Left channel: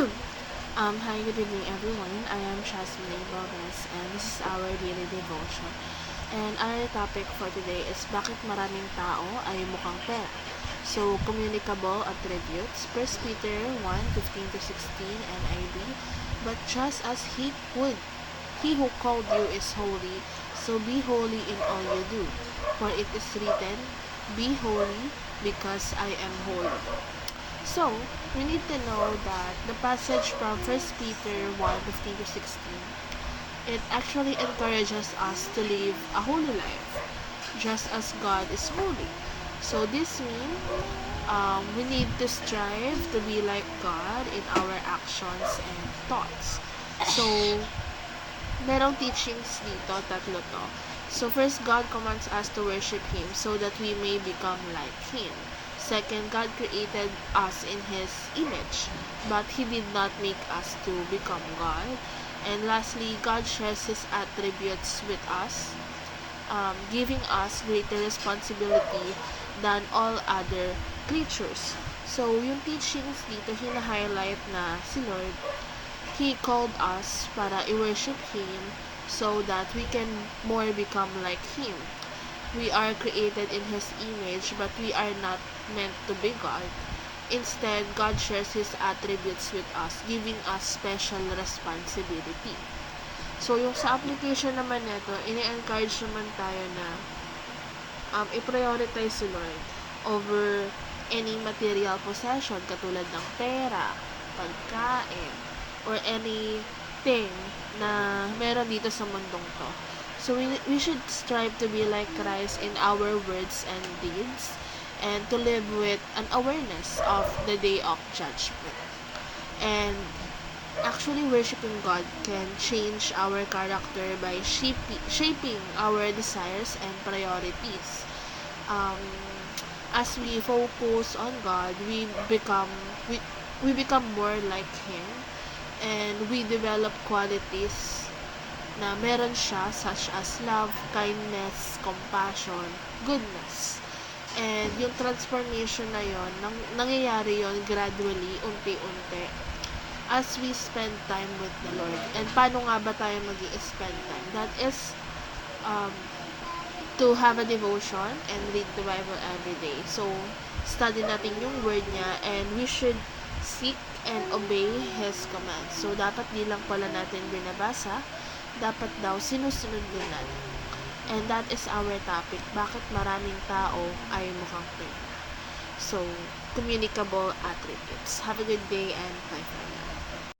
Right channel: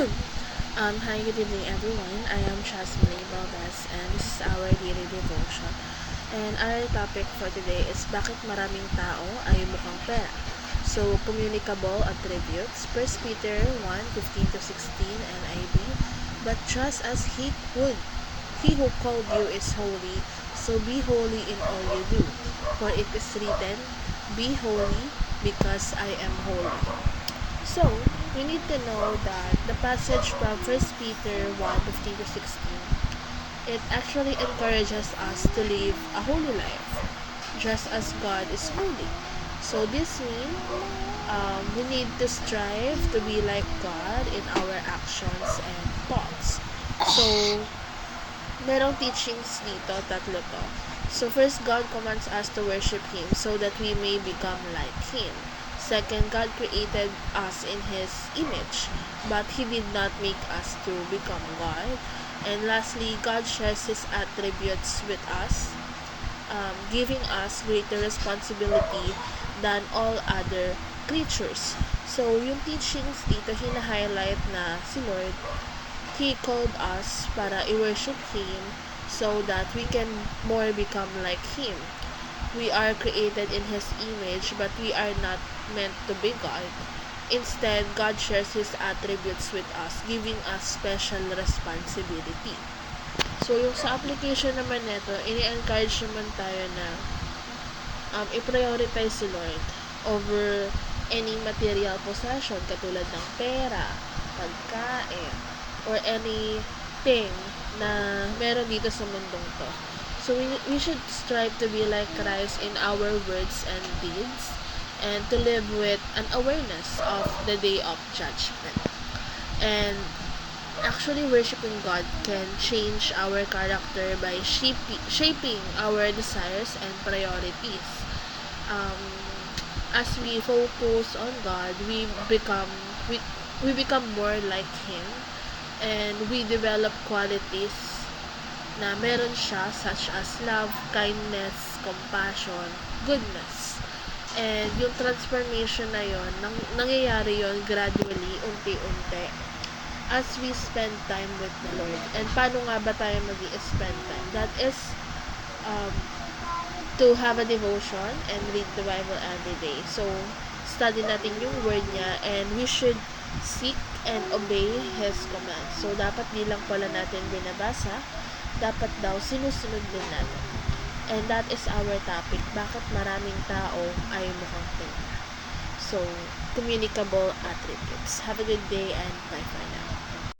Hi, good evening everyone. I am Chasmine Valdez and this is our daily devotion. And our topic for today is bakit maraming tao ay mukhang pera. So, communicable attributes, 1 Peter 1:15-16 NIV. But just as he who called you is holy, so be holy in all you do. For it is written, be holy because I am holy. So, we need to know that the passage from 1 Peter 1:15-16, it actually encourages us to live a holy life, just as God is holy. So, this means we need to strive to be like God in our actions and thoughts. So, merong teachings dito, tatlo to. So, first, God commands us to worship Him so that we may become like Him. Second, God created us in His image, but He did not make us to become God. And lastly, God shares His attributes with us, giving us greater responsibility than all other creatures. So, yung teachings dito, hina-highlight na si Lord, He called us para i-worship Him so that we can more become like Him. We are created in His image, but we are not meant to be God. Instead, God shares His attributes with us, giving us special responsibility. So, yung sa application naman nito, ini-encourage naman tayo na i-prioritize si Lord over any material possession katulad ng pera, pagkain, or anything na meron dito sa mundong to. So, we should strive to be like Christ in our words and deeds and to live with an awareness of the day of judgment. And actually, worshiping God can change our character by shaping our desires and priorities. As we focus on God, we become more like Him, and we develop qualities na meron siya, such as love, kindness, compassion, goodness. And yung transformation na yon, nangyayari yon gradually, unti-unti, as we spend time with the Lord. And paano nga ba tayo mag-i-spend time? That is to have a devotion and read the Bible every day. So, study natin yung word niya, and we should seek and obey His commands. So, dapat di lang pala natin binabasa, dapat daw sinusunod din natin. And that is our topic. Bakit maraming tao ay mukhang pera? So, communicable attributes. Have a good day and bye for now.